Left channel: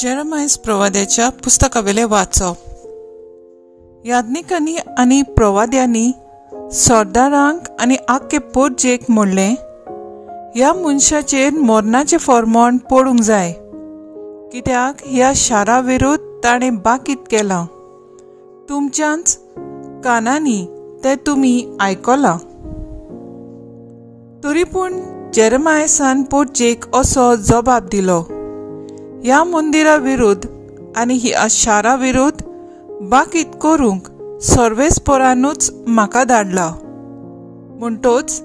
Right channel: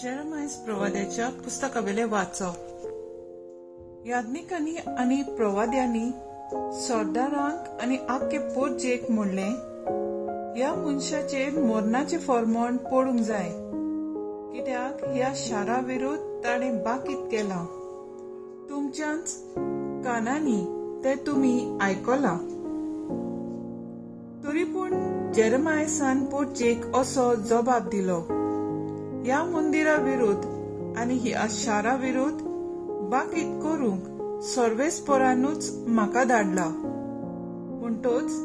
Jeremiah प्रवाद्याच्या पुस्तकावेले वाचप. याज्ञिकांनी आनी प्रवाद्यांनी सरदारांक आनी आख्खे पोरजेक म्हणलें, ह्या मनशाचेर मरणाचें फर्मोण पडूंक जाय, कित्याक ह्या शारा विरुद्ध ताणें बाकीत केलां. तुमच्याच कानांनी तें तुमी आयकलां. तरी पूण जेरेमायासान पोरजेक असो जबाब दिलो, ह्या मंदिरा विरुद्ध आनी ह्या शारा विरुद्ध बाकीत करूंक सर्वेस्परानूच म्हाका धाडला. म्हणटोच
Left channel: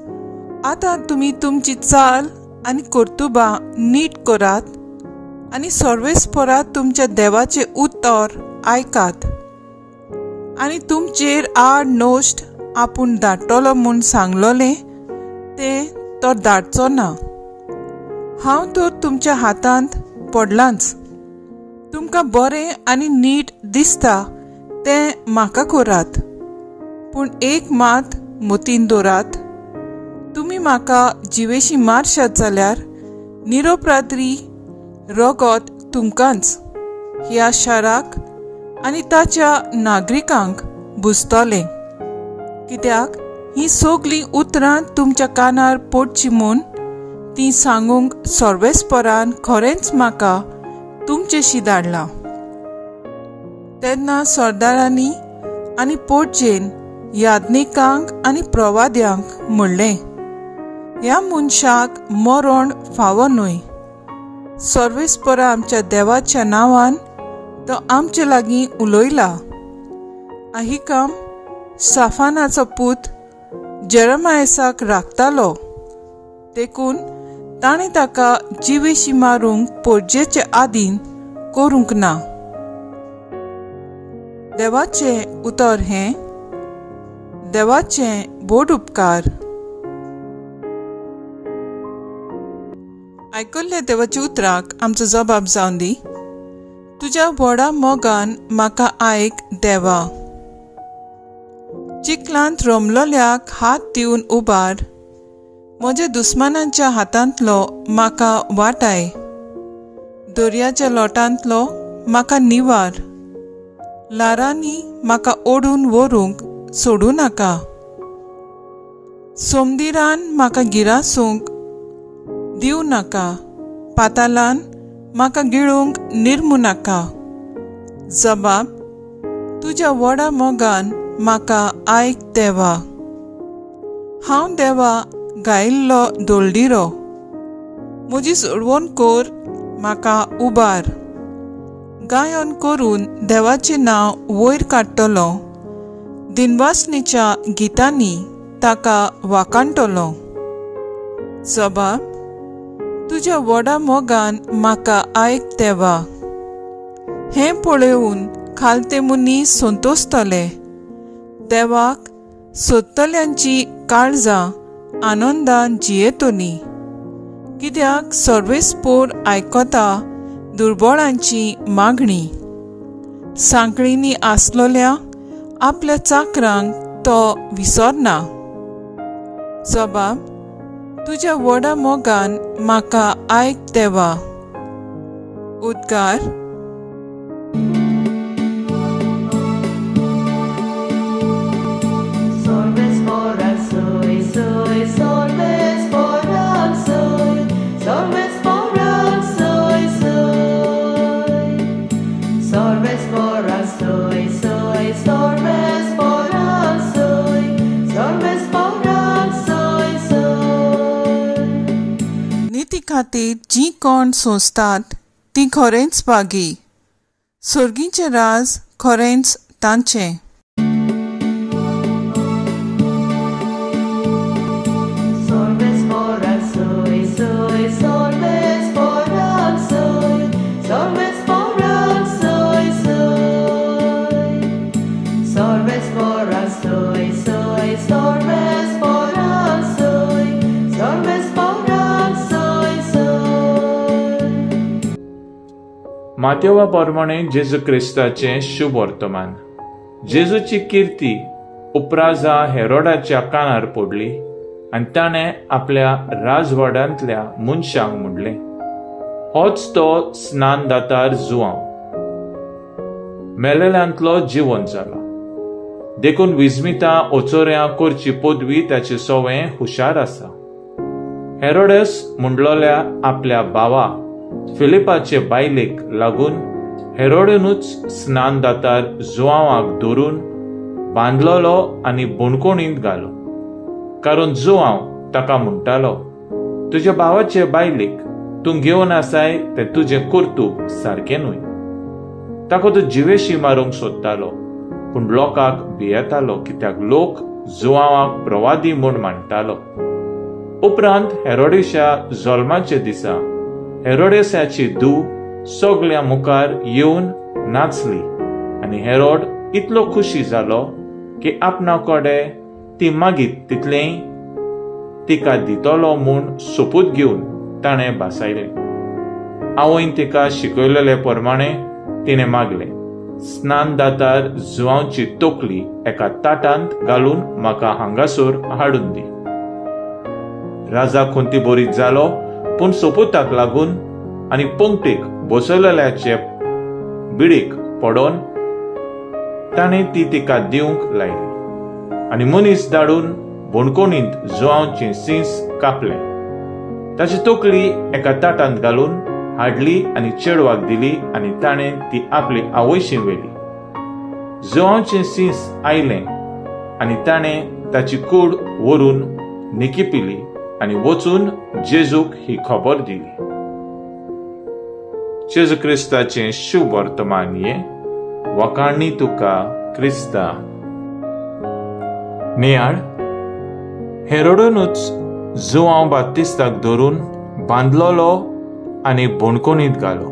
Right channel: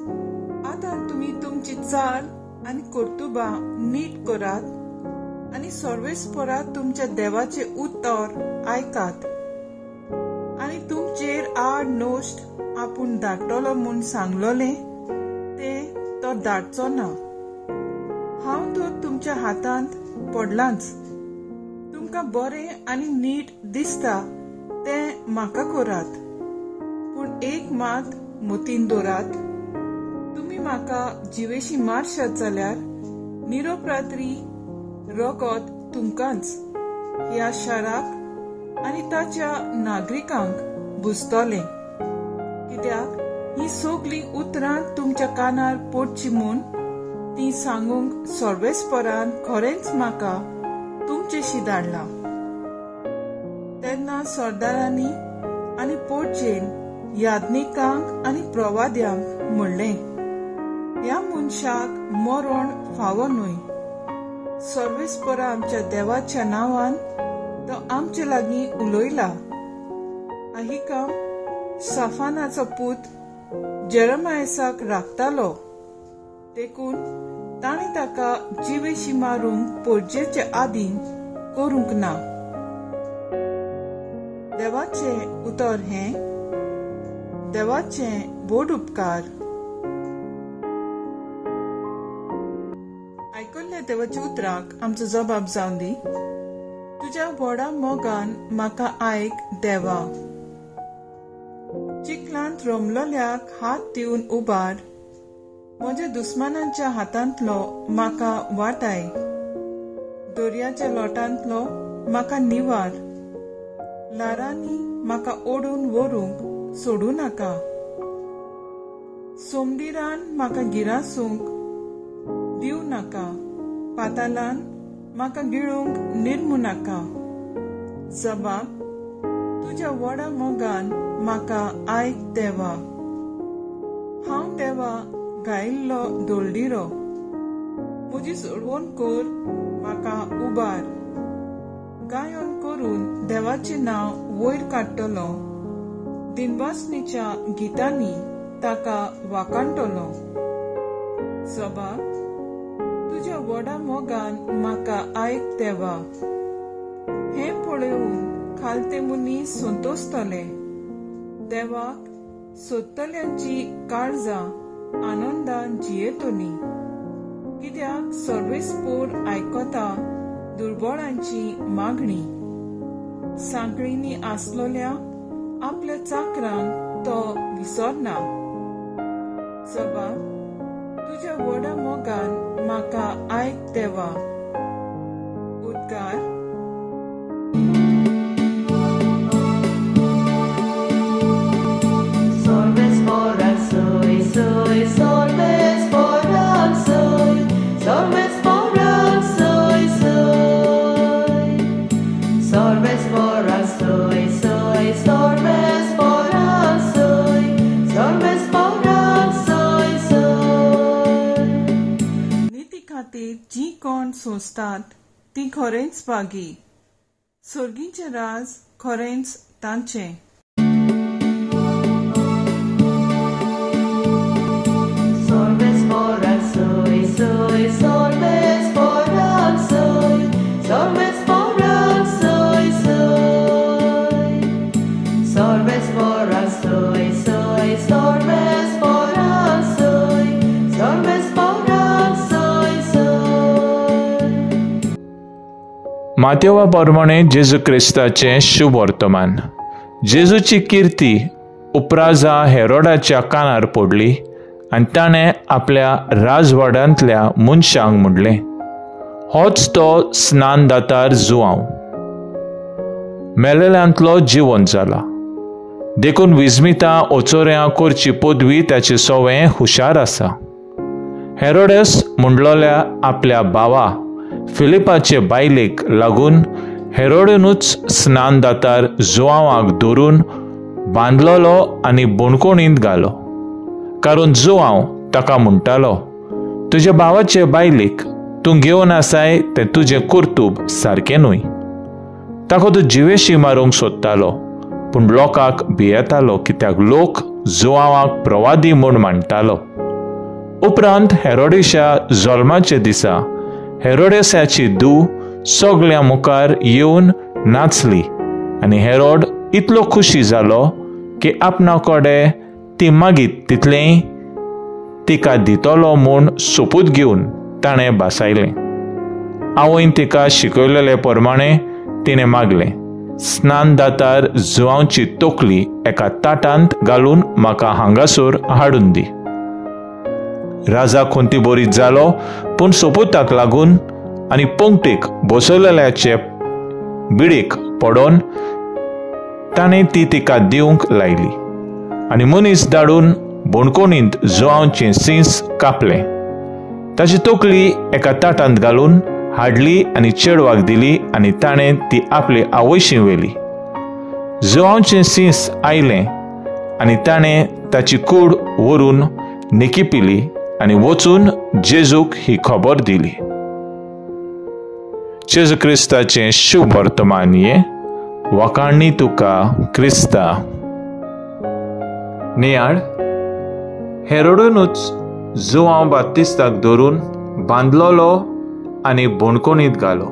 आतां तुमी तुमची चाल आनी कर्तुबां नीट करात आनी सर्वेस्परात तुमच्या देवाचें उतर आयकात. आनी तुमचेर आड नोश्ट आपूण धाडटलो म्हूण सांगलोलें तें तो धाडचो ना. हांव तर तुमच्या हातांत पडलांच. तुमकां बरें आनी नीट दिसता तें म्हाका करात, पूण एक मात मतीन दवरात, तुमी म्हाका जिवेशी मारशात जाल्यार निरोप रात्री रगत तुमकांच, ह्या शाराक आनी ताच्या नागरिकांक बुजतलें. कित्याक ही सगळीं उतरां तुमच्या कानार पडची म्हूण ती सांगूंक सर्वेस्परान खरेंच म्हाका तुमचेशी धाडला. तेन्ना सरदारांनी आनी पोरजेन याज्ञिकांक आनी प्रवाद्यांक म्हणलें, ह्या मनशाक मरण फावो न्हय. सर्वेस्परा आमच्या देवाच्या नांवान तो आमचे लागीं उलयला. अहिकाम साफानाचो पूत जेरेमायाक राखतालो, देखून ताणें ताका जिवेशी मारूंक पोरजेचे आदीन करूंक ना. देवाचें उतर हें, देवाचें बोड उपकार. आयकल्ल्या देवाच्या उतराक आमचो जबाब जावन दी. तुज्या व्हडा मोगान म्हाका आयक देवा. चिखलांत रोमलोल्याक हात दिवन उबार. म्हज्या दुस्मानांच्या हातांतलो म्हाका वाटाय. दर्याच्या लोटांतलो म्हाका निवार. लारांनी म्हाका ओडून व्हरूंक सोडूं नाका. सोमदिरान म्हाका गिरासूंक दिवं नाका. पातालान म्हाका गिळूंक निर्मू नाका. जबाब, तुज्या व्हडा मोगान म्हाका आयक देवा. हांव देवा गायिल्लो दोलडिरो. म्हजी सोडवण कर, म्हाका उबार. गायन करून देवाचें नांव वयर काडटलो. दिनवासनेच्या गितांनी ताका वाखाणटलो. जबाब, तुज्या व्हडा मोगान म्हाका आयक देवा. हें पळोवन खालते मनीस संतोस्तले. देवाक सोदतल्यांची काळजां आनंदान जियेतोनी. कित्याक सर्वेस्पोर आयकता दुर्बळांची मागणी. सांकळींनी आसलोल्या आपल्या चाकरांक तो विसरना. जबाब, तुज्या व्हडा मोगान म्हाका आयक देवा. उद्गार. नीती खातीर जी कोण सोंसतात ती खरेंच बागी. सर्गीचें राज खरेंच तांचें. मातेवा प्रमाणे जेजू क्रिस्ताचें शुभ वर्तमान. जेजूची किर्ती उपराजा हेरोडाच्या कानार पडली आनी ताणें आपल्या राजवाड्यांतल्या मनशांक म्हणलें, होच तो स्नानदातार जुआंव मेलेल्यांतलो जिवंत जाला देखून विस्मिता ओचोऱ्यां करची पदवी ताचे सवें हुशार आसा. हेरोडेस म्हणलोल्या आपल्या भावा फिलिपाचे बायलेक लागून हेरोडेनूच स्नानदातार जुआंवाक धरून बांदलोलो आनी बुणकुणींत घालो. कारण जुआंव ताका म्हणटालो, तुज्या भावाचे बायलेक तूं घेवन आसाय तें तुजें कर्तूब सारकें न्हय. ताका तो जिवेशी मारूंक सोदतालो, पूण लोकांक भियेतालो कित्याक लोक जुआंवाक प्रवादी म्हूण मानतालो. उपरांत हेरोदेशा जल्माचे दिसा हेरोदेसाची धूव सगळ्या मुखार येवन नाचली आनी हेरोड इतलो खुशी जालो की आपणा कडेन ती मागीत तितलें तिका दितलो म्हूण सोपूत घेवन ताणें भासायलें. आवयन तिका शिकयलेले प्रमाणें तिणें मागलें, स्नानदातार जुआंवची तोकली एका ताटांत घालून म्हाका हांगासर हाडून दी. राजा खुंतीबोरीत जालो, पूण सोपूताक लागून आनी पंक्तीक बसयलेल्याचे बिडीक पडोन ताणें ती तिका दिवंक लायली आनी मनीस धाडून बुणकुणींत जुआंवचें सींस कापलें. ताची तोकली एका ताटांत घालून हाडली आनी चेडवाक दिली आनी ताणें ती आपली आवयशी व्हेली. जुआंवचें सींस आयलें आनी ताणें ताची कूड व्हरून निकी पिली आनी वचून जेजूक ही खबर दिली. जेजू क्रिस्ताचें शुभ वर्तमान ये वखाणी तुका क्रिस्ता. नियाळ हेरोडेनूच जुआंव बात्तिस्ताक धरून बांदलोलो आनी बुणकुणींत घालो.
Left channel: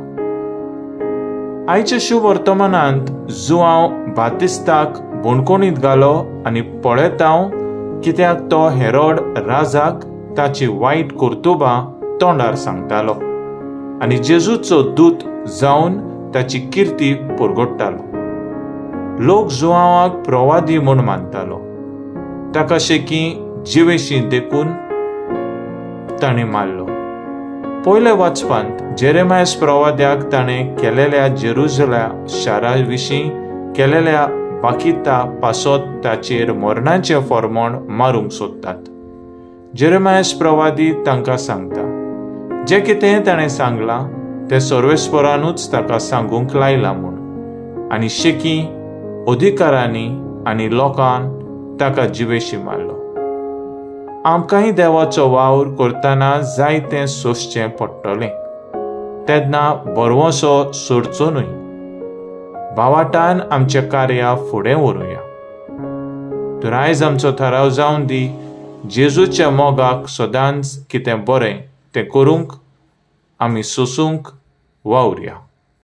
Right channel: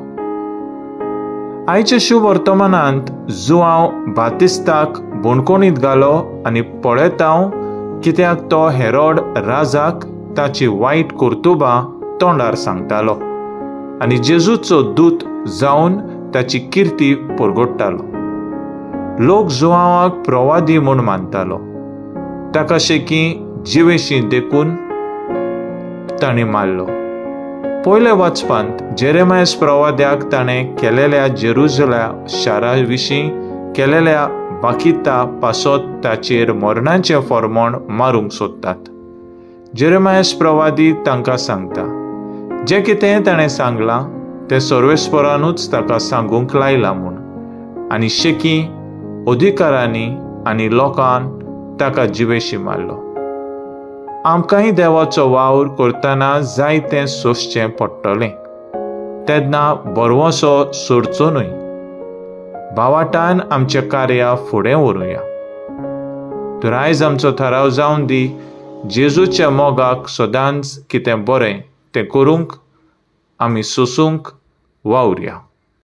आयच्या शुभ वर्तमानांत जुआंव बात्तिस्ताक बुणकुणींत घालो आनी पळयत हांव कित्याक तो हेरोड राजाक ताची वायट कर्तुबां तोंडार सांगतालो आनी जेजूचो दूत जावन ताची किर्ती परगडटालो. लोक जुआंवाक प्रवादी म्हूण मानतालो. ताका शेकी जिवेशी देखून ताणें मारलो. पयल्या वाचपांत जेरेमायस प्रवाद्याक ताणें केलेल्या जेरुजल्या शारा विशीं केलेल्या बाकिता पासत ताचेर मरणाचें फर्मोण मारूंक सोदतात. जेरेमायस प्रवादी तांकां सांगता, जें कितें ताणें सांगलां तें सर्वेस्परानूच ताका सांगूंक लायलां म्हूण, आनी शेकी अधिकारांनी आनी लोकांन ताका जिवेशी मारलो. आमकांय देवाचो वावर करतना जायतें सोंसचें पडटलें. तेन्ना बरवोसो सोडचो न्हय. भावाटान आमचें कार्य फुडें व्हरूया. तर आयज आमचो थाराव जावन दी, जेजूच्या मोगाक सदांच कितें बरें तें करूंक आमी सोंसूंक वावुरया.